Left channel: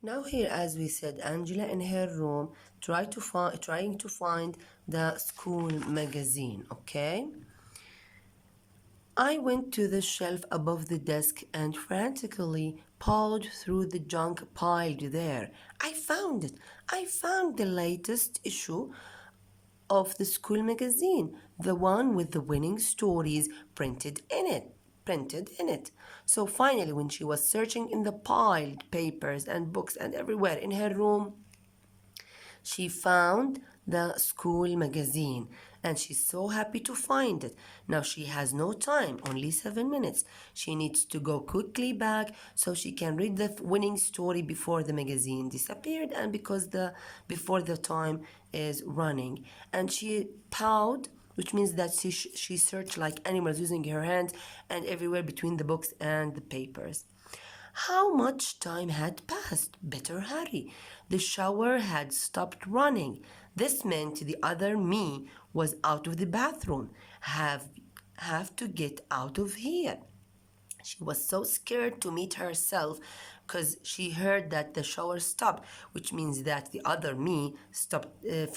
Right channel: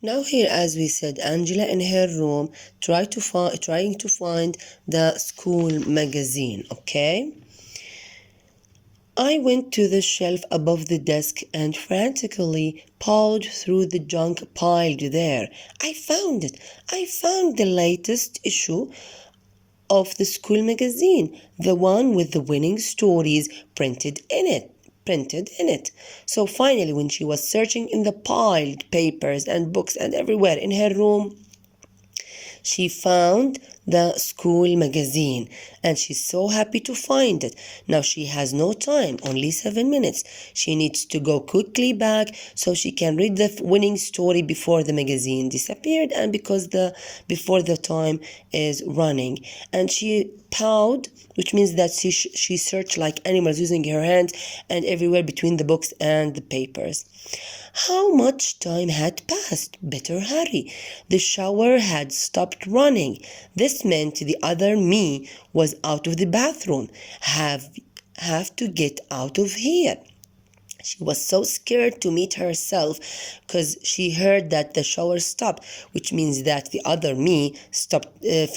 Now here, as we said, Angela in her room trying to find the school magazine. Okay. I went to the shelf above the desk and frantically pawed through the junk piled there. I found it. I found the latest issue of the school magazine, the one with the winning stories printed in it. So finally, when she was searching in the piled papers and books and everywhere in her room, she found the school magazine and she's so happy to find it. Now she has no time, only 7 minutes. She needs to go quickly back so she can read the winning story before the magazine disappeared and before the time is running. And she pawed, which means that she searched like animals using her hands and everywhere between the books and the papers. How much time had passed? Better hurry. The shower had stopped running. This meant the other me was out of the bathroom. Have to get out of here. She was so scared to meet herself because she heard that the shower stopped, which means that the other me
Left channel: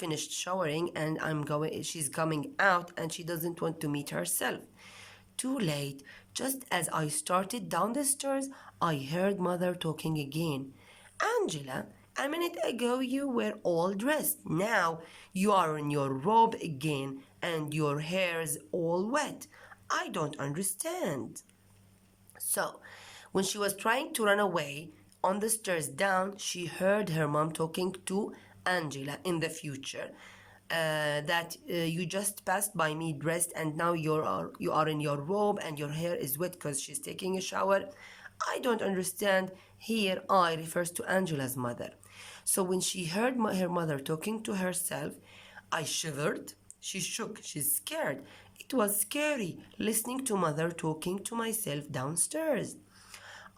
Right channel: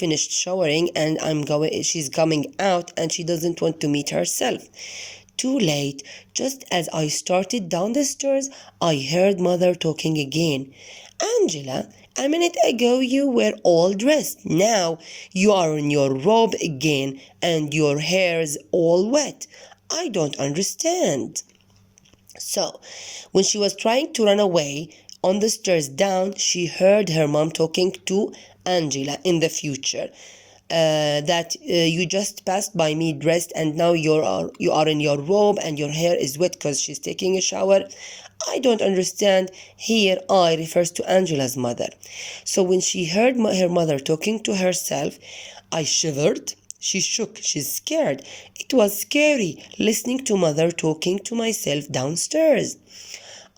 finished showering, and she's coming out, and she doesn't want to meet herself. Too late. Just as I started down the stairs, I heard Mother talking again. Angela, a minute ago you were all dressed. Now you are in your robe again and your hair's all wet. I don't understand. So, when she was trying to run away on the stairs down, she heard her mom talking to Angela in the future. That you just passed by me dressed and now you are in your robe and your hair is wet because she's taking a shower. I don't understand. Here I refers to Angela's mother. So when she heard her mother talking to herself, I shivered. She shook. She's scared. It was scary listening to mother talking to myself downstairs.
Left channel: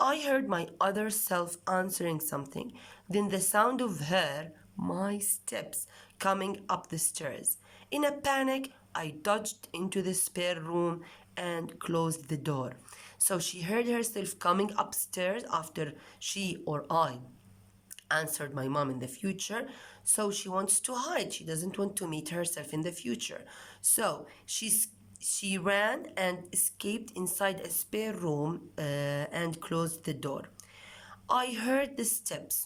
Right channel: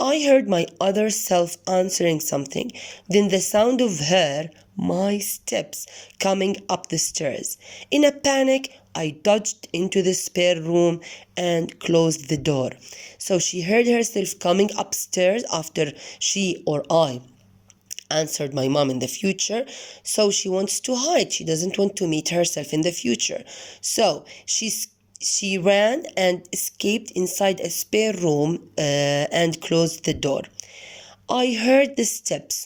I heard my other self answering something, then the sound of my steps, coming up the stairs. In a panic, I dodged into the spare room and closed the door. So she heard herself coming upstairs after she or I answered my mom in the future. So she wants to hide. She doesn't want to meet herself in the future. So she ran and escaped inside a spare room and closed the door. I heard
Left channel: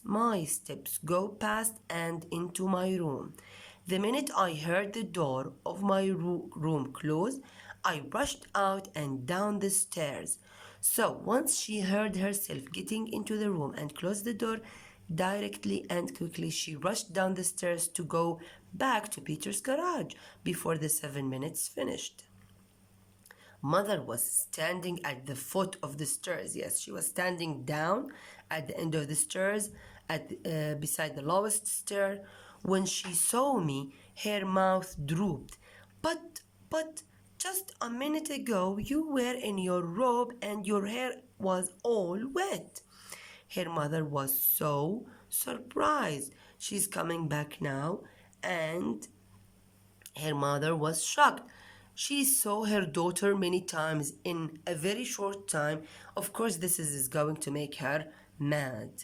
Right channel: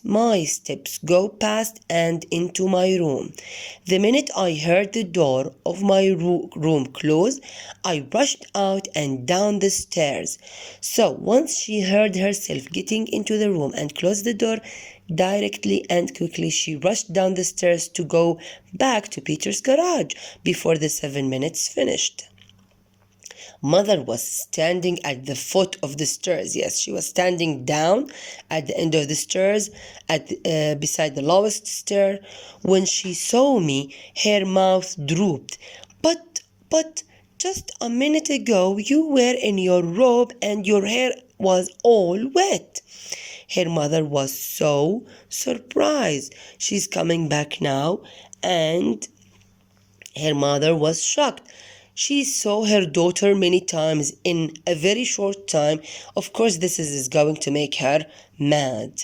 my steps, go past and into my room. The minute I heard the door of my room close, I rushed out and down the stairs. So once she heard herself getting into the room and closed the door, directly and quickly she rushed down the stairs to go back to Peter's garage before the 7 minutes finished. Mother was standing at the foot of the stairs. Yes, she was standing down at the end of the stairs, beside the lowest stair. When she saw me, her mouth drooped. But, just a minute ago, you were in your robe and your hair was all wet. Her mother was so surprised. She's coming back now, and her mother was shocked. She saw her daughter many times in a very short time. Of course, this is going to make her mad.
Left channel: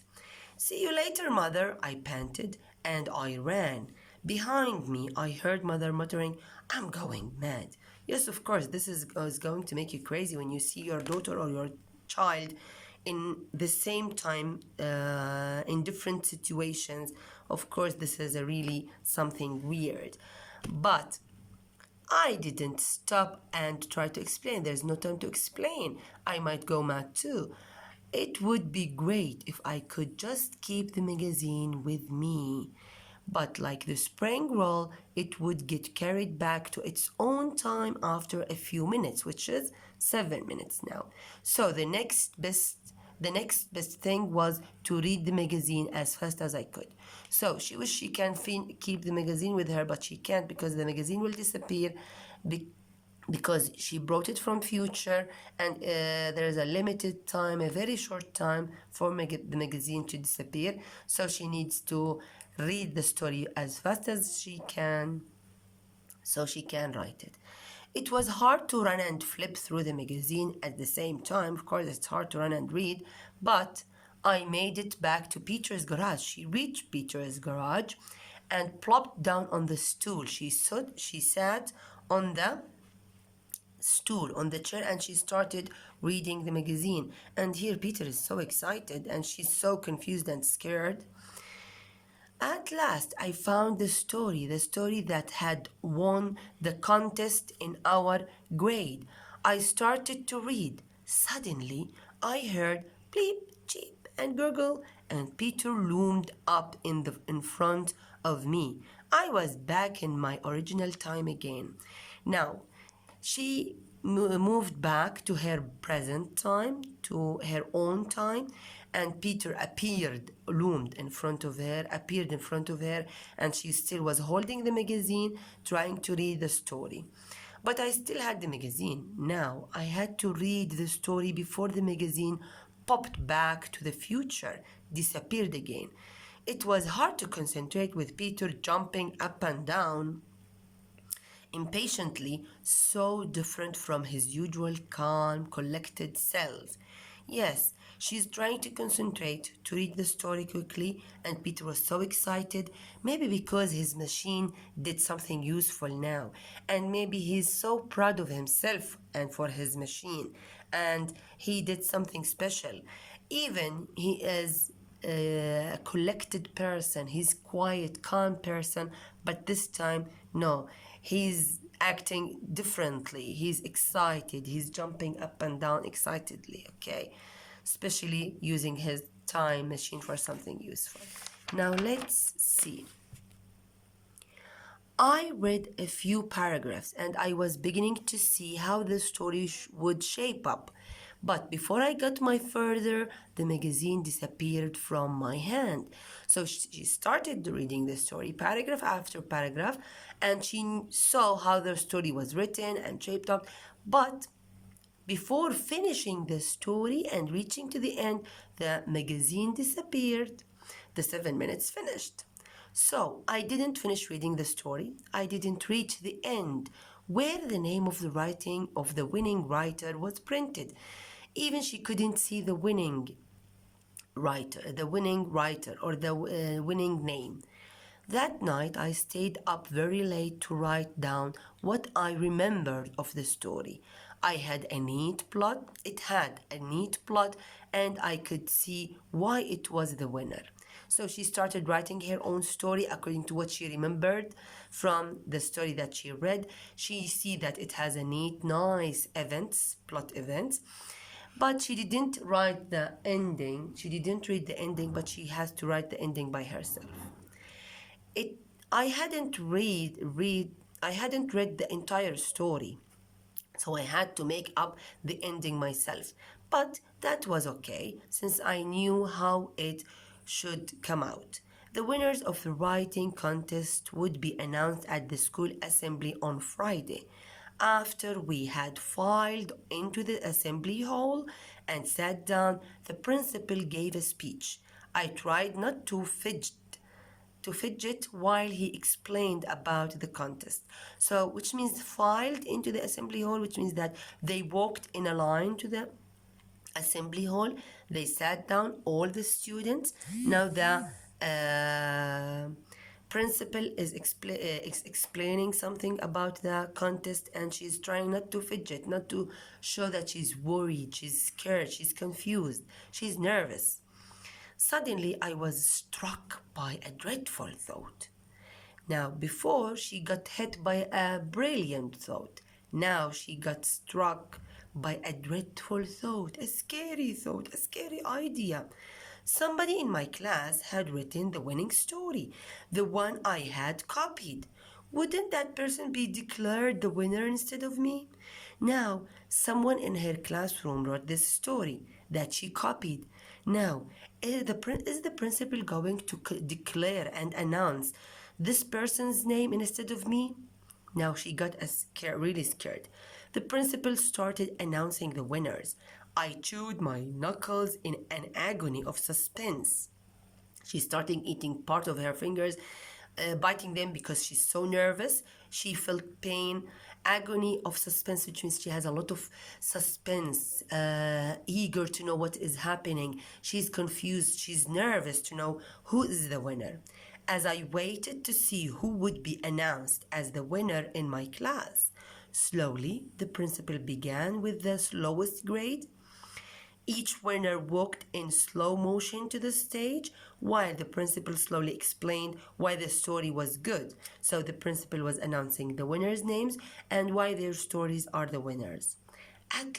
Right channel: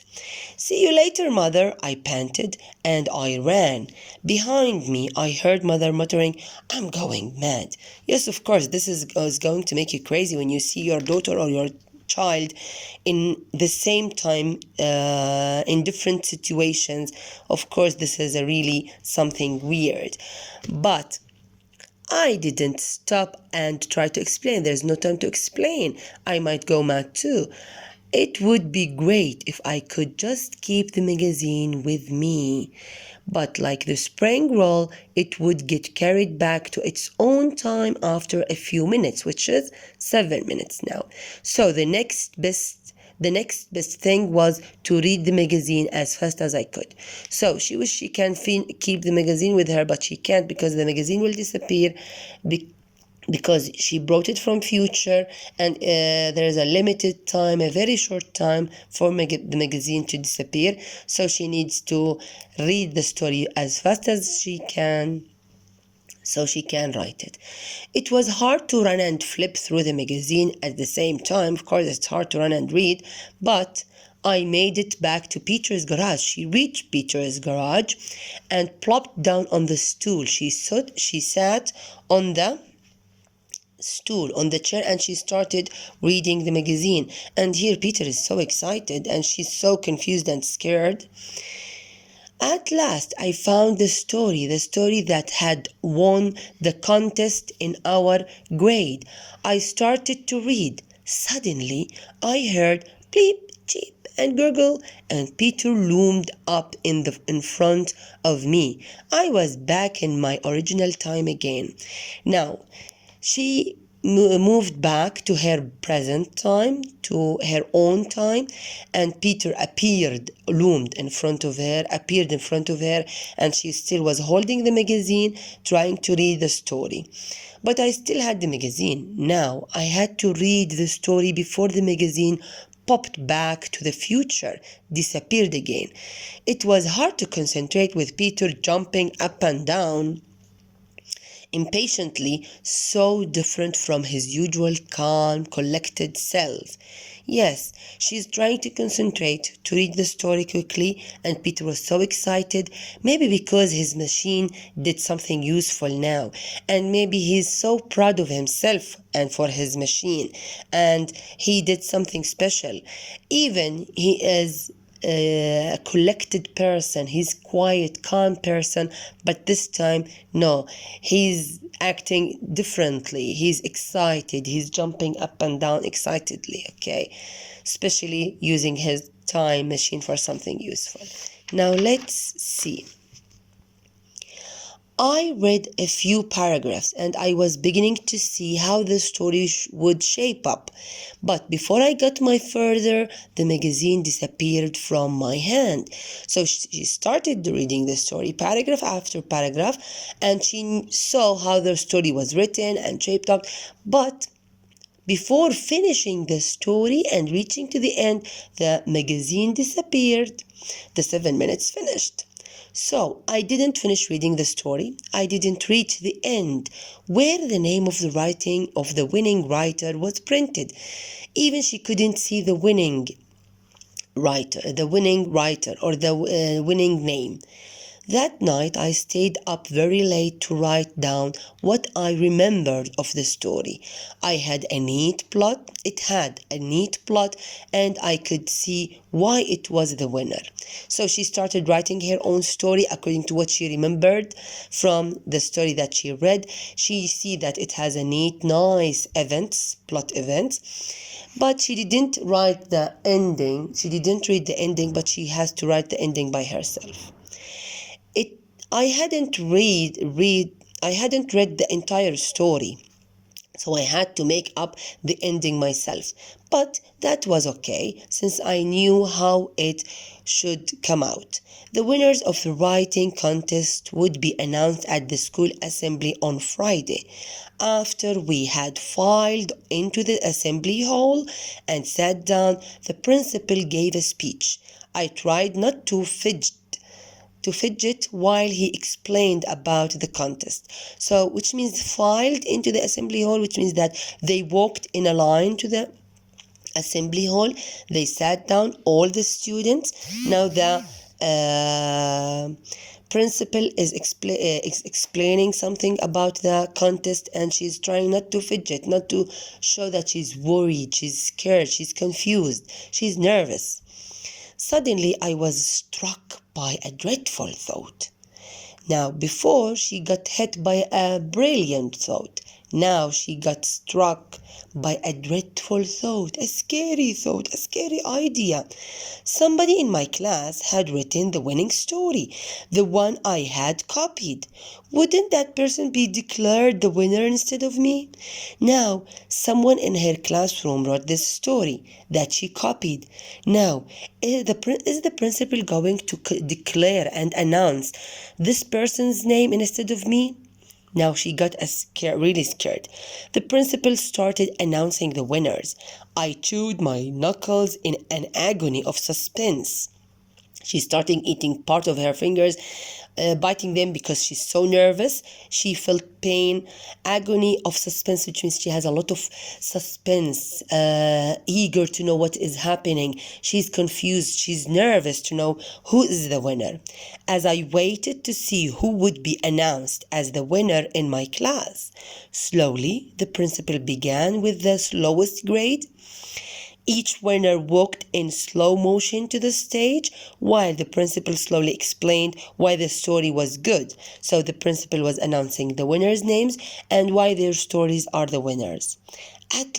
See you later, mother, I panted, and I ran. Behind me, I heard mother muttering, I'm going mad. Yes, of course, this is going to make you crazy when you see your daughter or your child in the same time in different situations. Of course, this is a really something weird. But I didn't stop and try to explain. There's no time to explain. I might go mad too. It would be great if I could just keep the magazine with me. But like the spring roll, it would get carried back to its own time after a few minutes, which is 7 minutes now. So the next best thing was to read the magazine as fast as I could. So she wished she can keep the magazine with her, but she can't because the magazine will disappear because she brought it from future, and there is a limited time, a very short time for the magazine to disappear. So she needs to read the story as fast as she can so she can write it. It was hard to run and flip through the magazine at the same time. Of course, it's hard to run and read, but I made it back to Peter's garage. She reached Peter's garage and plopped down on the stool. She sat on the stool on the chair and she started reading the magazine. And here Peter is so excited and she's so confused and scared. At last, I found the story that had won the contest in our grade. I started to read. Suddenly, I heard bleep, cheep, and gurgle, and Peter loomed up in front of me. I was back in my original time again. Now, she moved back to her present time, to her own time, and Peter appeared in front of her, and she still was holding the magazine, trying to read the story. But I still had the magazine. Now I had to read the story before the magazine popped back to the future, disappeared again. It was hard to concentrate with Peter jumping up and down impatiently, so different from his usual calm, collected self. Yes, she's trying to concentrate to read the story quickly, and Peter was so excited, maybe because his machine did something useful now, and maybe he's so proud of himself and for his machine, and he did something special. Even he is a collected person, he's quiet, calm person, but this time, no, he's acting differently. He's excited, he's jumping up and down excitedly, okay? Especially using his time machine for something useful. Now let's see. I read a few paragraphs and I was beginning to see how the story would shape up. But before I got my further, the magazine disappeared from my hand. So she started reading the story paragraph after paragraph, and she saw how the story was written and shaped up. But before finishing the story and reaching to the end, the magazine disappeared. The 7 minutes finished. So I didn't finish reading the story. I didn't reach the end where the name of the winning writer was printed. Even she couldn't see the winning writer or the winning name. That night I stayed up very late to write down what I remembered of the story. It had a neat plot, and I could see why it was the winner. So she started writing her own story according to what she remembered from the story that she read. She see that it has a neat, nice plot events. But she didn't write the ending. She didn't read the ending, but she has to write the ending by herself. I hadn't read the entire story, so I had to make up the ending myself. But that was okay, since I knew how it should come out. The winners of the writing contest would be announced at the school assembly on Friday. After we had filed into the assembly hall and sat down, the principal gave a speech. I tried not to fidget while he explained about the contest. So, which means filed into the assembly hall, which means that they walked in a line to the assembly hall. They sat down, all the students. Now the principal is explaining something about the contest, and she's trying not to fidget, not to show that she's worried, she's scared, she's confused, she's nervous. Suddenly, I was struck by a dreadful thought. Now, before she got hit by a brilliant thought, now she got struck by a dreadful thought, a scary idea. Somebody in my class had written the winning story, the one I had copied. Wouldn't that person be declared the winner instead of me? Now, someone in her classroom wrote this story that she copied. Now, is the principal going to declare and announce this person's name instead of me? Now she got really scared. The principal started announcing the winners. I chewed my knuckles in an agony of suspense. She started eating part of her fingers. biting them because she's so nervous. She felt pain, agony of suspense, which means she has a lot of suspense, eager to know what is happening. She's confused, she's nervous to know who is the winner. As I waited to see who would be announced as the winner in my class, slowly the principal began with the slowest grade. Each winner walked in slow motion to the stage while the principal slowly explained why the story was good. So the principal was announcing the winners' names and why their stories are the winners. At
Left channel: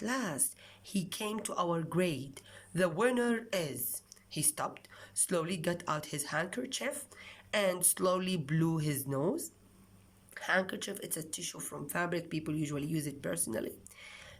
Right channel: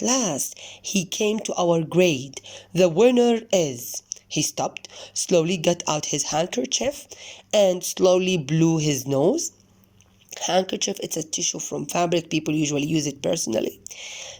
last, he came to our grade. The winner is. He stopped, slowly got out his handkerchief, and slowly blew his nose. Handkerchief, it's a tissue from fabric. People usually use it personally.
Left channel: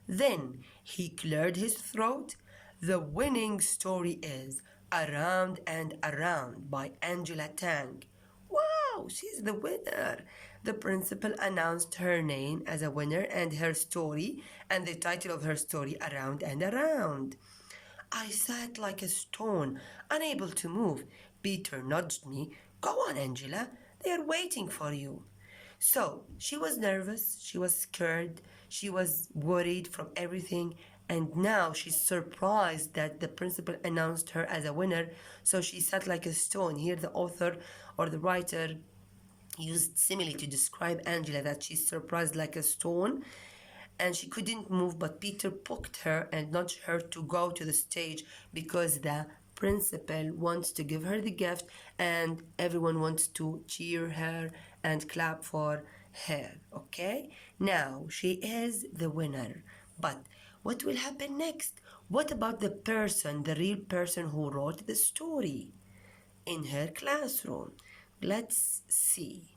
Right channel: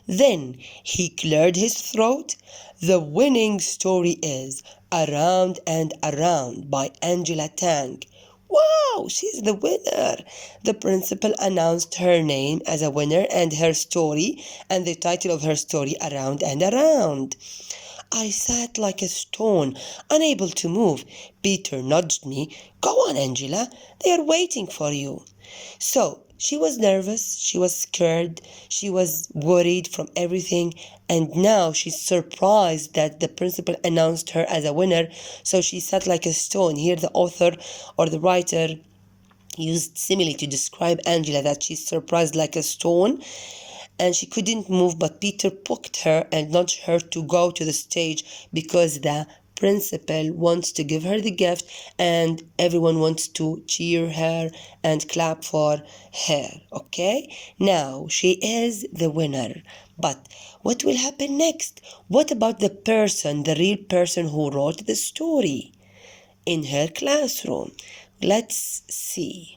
Then he cleared his throat. The winning story is Around and Around by Angela Tang. Wow, she's the winner. The principal announced her name as a winner and her story, and the title of her story, Around and Around. I sat like a stone, unable to move. Peter nudged me. Go on, Angela. They are waiting for you. So she was nervous, she was scared, she was worried from everything, and now she's surprised that the principal announced her as a winner. So she sat like a stone. Here, the author or the writer used simile to describe Angela, that she's surprised like a stone and she couldn't move, but Peter poked her and nudged her to go to the stage because the principal wants to give her the gift and everyone wants to cheer her and clap for her. Okay, now she is the winner, but what will happen next? What about the person, the real person who wrote the story in her classroom? Let's see.